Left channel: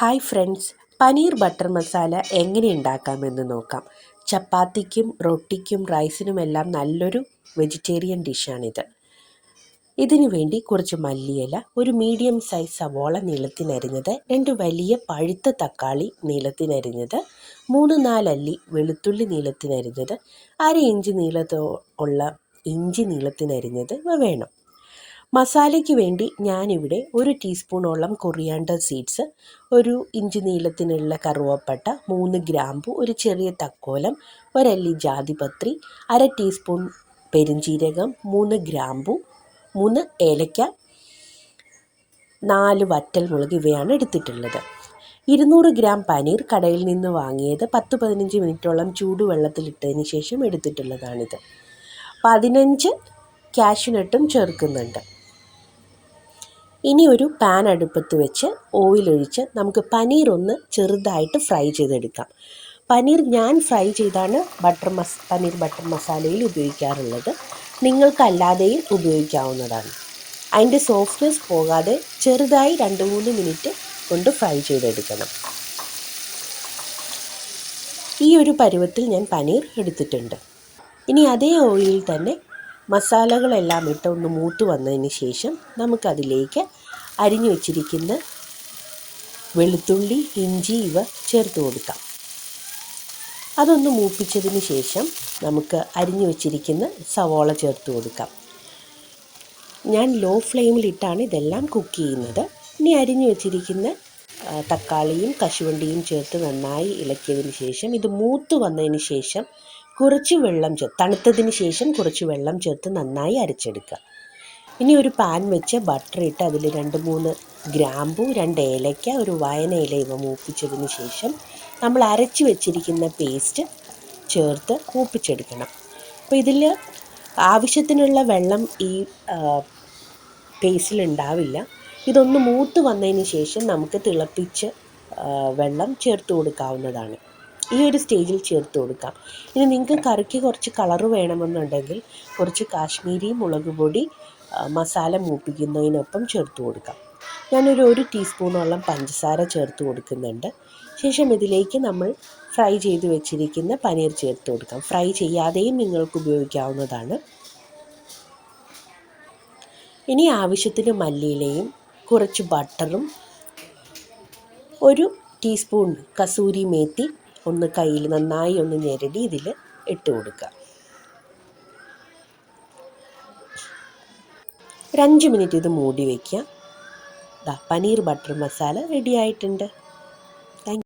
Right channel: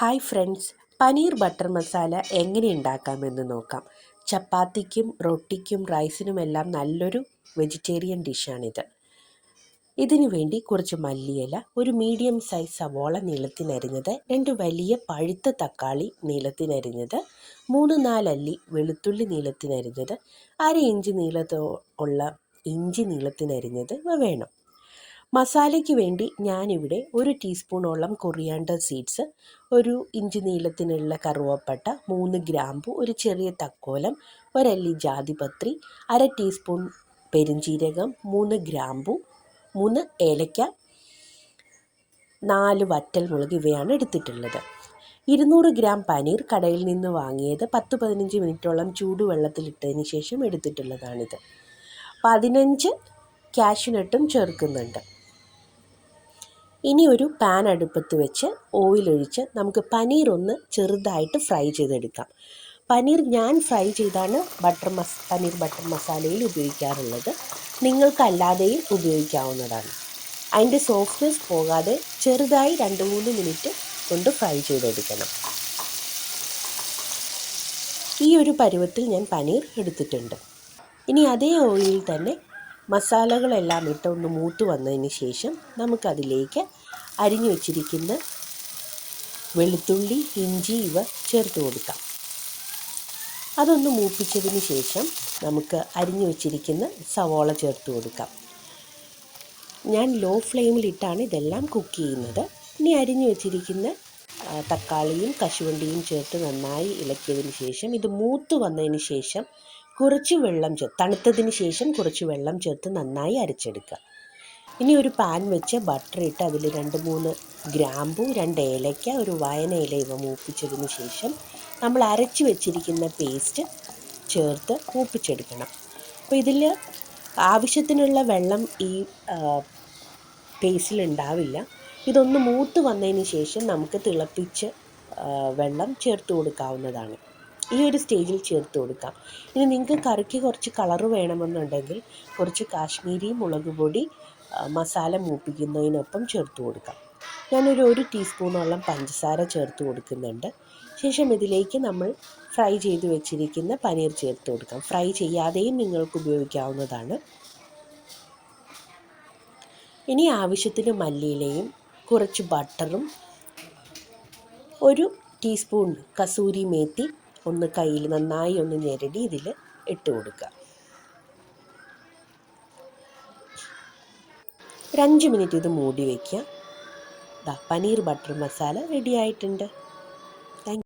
Hi friends, paneer butter masala എങ്ങനെ ഉണ്ടാക്കാമെന്ന് നോക്കാം. ചപ്പാത്തിക്കും റൊട്ടിക്കും റൈസിനുമെല്ലാം നല്ലൊരു വെജിറ്റേറിയൻ ഡിഷാണിത്. ഇതിനു വേണ്ടി കുറച്ച് മല്ലിയില, ഒരു മീഡിയം സൈസ് സവോള നീളത്തിനരിഞ്ഞത്, 2 വലിയ പഴുത്ത തക്കാളി നീളത്തിനരിഞ്ഞത്, 3-4 അല്ലി വെളുത്തുള്ളി നീളത്തിനരിഞ്ഞത്, 1/2 ഇഞ്ച് നീളമുള്ള ഇഞ്ചി നീളത്തിനരിഞ്ഞത് വേണം. മസാലയ്ക്ക് വേണ്ടി ഞാനിവിടെ 1 ടീസ്പൂണോളം കൊറിയാണ്ടർ സീഡ്സ്, 1 ഇഞ്ച് നീളത്തിനുള്ള കറുവപ്പട്ട, 3 ഗ്രാമ്പു, ഒരു ചെറിയ തക്കോലം, 1 അല്ലി ജാതിപത്രി, 1/2 ടീസ്പൂൺ പെരുംജീരകം, 3 ഗ്രാമ്പു, 3 ഏലക്ക, 4 വറ്റൽമുളക് ഇവയാണ് എടുത്തിട്ടുള്ളത്. 200 ഗ്രാം പനീർ കടയിൽ നിന്ന് വാങ്ങിയത് 10-15 മിനിറ്റോളം ചൂടുവെള്ളത്തിലിട്ടതിന് ശേഷം എടുത്തിട്ടുള്ളതാണിത്. 15 കാഷ്യൂനട്ടും ചേർക്കുന്നുണ്ട്. ഇനി ഒരു പാൻ അടുപ്പത്ത് വെച്ച് ഓയിലൊഴിച്ച് നമുക്ക് പനീർ ഒന്ന് ചെറുതായിട്ട് ഫ്രൈ ചെയ്തെടുക്കാം. പനീർ ഞാൻ ഫ്രൈ ചെയ്താണ് പനീർ ബട്ടർ മസാലയിൽ ഉപയോഗിക്കാറുള്ളത്. നിങ്ങൾക്കല്ലാതെയും ഉപയോഗിക്കാവുന്നതാണ്. അതിൻ്റെ സോഫ്റ്റ്നെസ് പോകാതെ ചെറുതായി 2-3 മിനിറ്റ് കൊണ്ട് ഫ്രൈ ചെയ്തെടുക്കണം. ഈ ഒരു പരുവത്തിൽ ഞാൻ പനീർ എടുത്തിട്ടുണ്ട്. ഇനി അതേ ഓയിലിൽ തന്നെ മസാലകളെല്ലാം ഇട്ട് ഒന്ന് മൂത്ത് വന്നതിന് ശേഷം നമുക്കതിലേക്ക് അരിഞ്ഞു വച്ചിരിക്കുന്ന വെളുത്തുള്ളി, ഇഞ്ചി ഇവ ചേർത്ത് കൊടുക്കാം. അതൊന്ന് മൂപ്പിച്ചതിന് ശേഷം നമുക്ക് അരിഞ്ഞു വച്ചിരിക്കുന്ന സവോള ചേർത്ത് കൊടുക്കാം. ഞാൻ ലോ ഫ്ലെയിമിലിട്ടാണ് ഇതെല്ലാം കുക്ക് ചെയ്യുന്നത്. ഇനി അരിഞ്ഞു വച്ചിരിക്കുന്ന തക്കാളിയും കശുവണ്ടിയും ചേർത്ത് നന്നായി ഇളക്കിയതിന് ശേഷം ഇത് മൂത്ത് വന്നതിന് ശേഷം കുറച്ച് വെള്ളം തണുത്തതിന് ശേഷം കുറച്ച് വെള്ളം ചേർത്ത് നന്നായി അരച്ചെടുക്കുക. ഇനി ഒരു പാൻ വെച്ച് ബട്ടർ ഇട്ട് അതിൽ 2-3 ഗ്രാമ്പു, 2 ഏലക്ക, ഒരു വയനയില ഇവ മൂപ്പിച്ചതിന് ശേഷം നമ്മൾ അരച്ച് വെച്ചിരിക്കുന്ന പേസ്റ്റ് ചേർത്ത് മൂപ്പിച്ചെടുക്കണം. അപ്പോൾ ഇതിൽ ആവശ്യത്തിനുള്ള വെള്ളം ഈ പേസ്റ്റിലുണ്ടാവില്ല. ഇതൊന്ന് മൂത്ത് വന്നതിന് ശേഷം നമുക്ക് തിളപ്പിച്ച് വെള്ളം ചേർത്ത് കൊടുക്കാവുന്നതാണ്. ഈ ഒരു സ്റ്റേജിൽ ചേർത്ത് കൊടുക്കാം. ഇനി നിങ്ങൾക്ക് കറിക്ക് കുറച്ച് കളറ് വേണമെന്നുണ്ടെങ്കിൽ കുറച്ച് കാശ്മീരി മുളക് പൊടി മസാല മൂപ്പിക്കുന്നതിനൊപ്പം ചേർത്ത് കൊടുക്കാം. ഞാനൊരു 1 ടീസ്പൂണോളം പഞ്ചസാര ചേർത്ത് കൊടുക്കുന്നുണ്ട്. ശേഷം ഇതിലേക്ക് നമ്മൾ ഫ്രൈ ചെയ്ത് വെച്ചിരിക്കുന്ന പനീർ ചേർത്ത് കൊടുക്കാം. ഫ്രൈ ചെയ്യാതെയും നിങ്ങൾക്ക് ഉപയോഗിക്കാവുന്നതാണ്. ഇനി ആവശ്യത്തിന് മല്ലിയിലയും കുറച്ച് ബട്ടറും 1 ടീസ്പൂൺ കസൂരി മേത്തി ഒന്ന് കയ്യിൽ നന്നായി ഒന്ന് ഞെരടി ഇതിൽ ഇട്ട് കൊടുക്കുക. ഒരു 5 മിനിറ്റ് ഇത് മൂടി വയ്ക്കുക. പനീർ ബട്ടർ മസാല റെഡി ആയിട്ടുണ്ട്.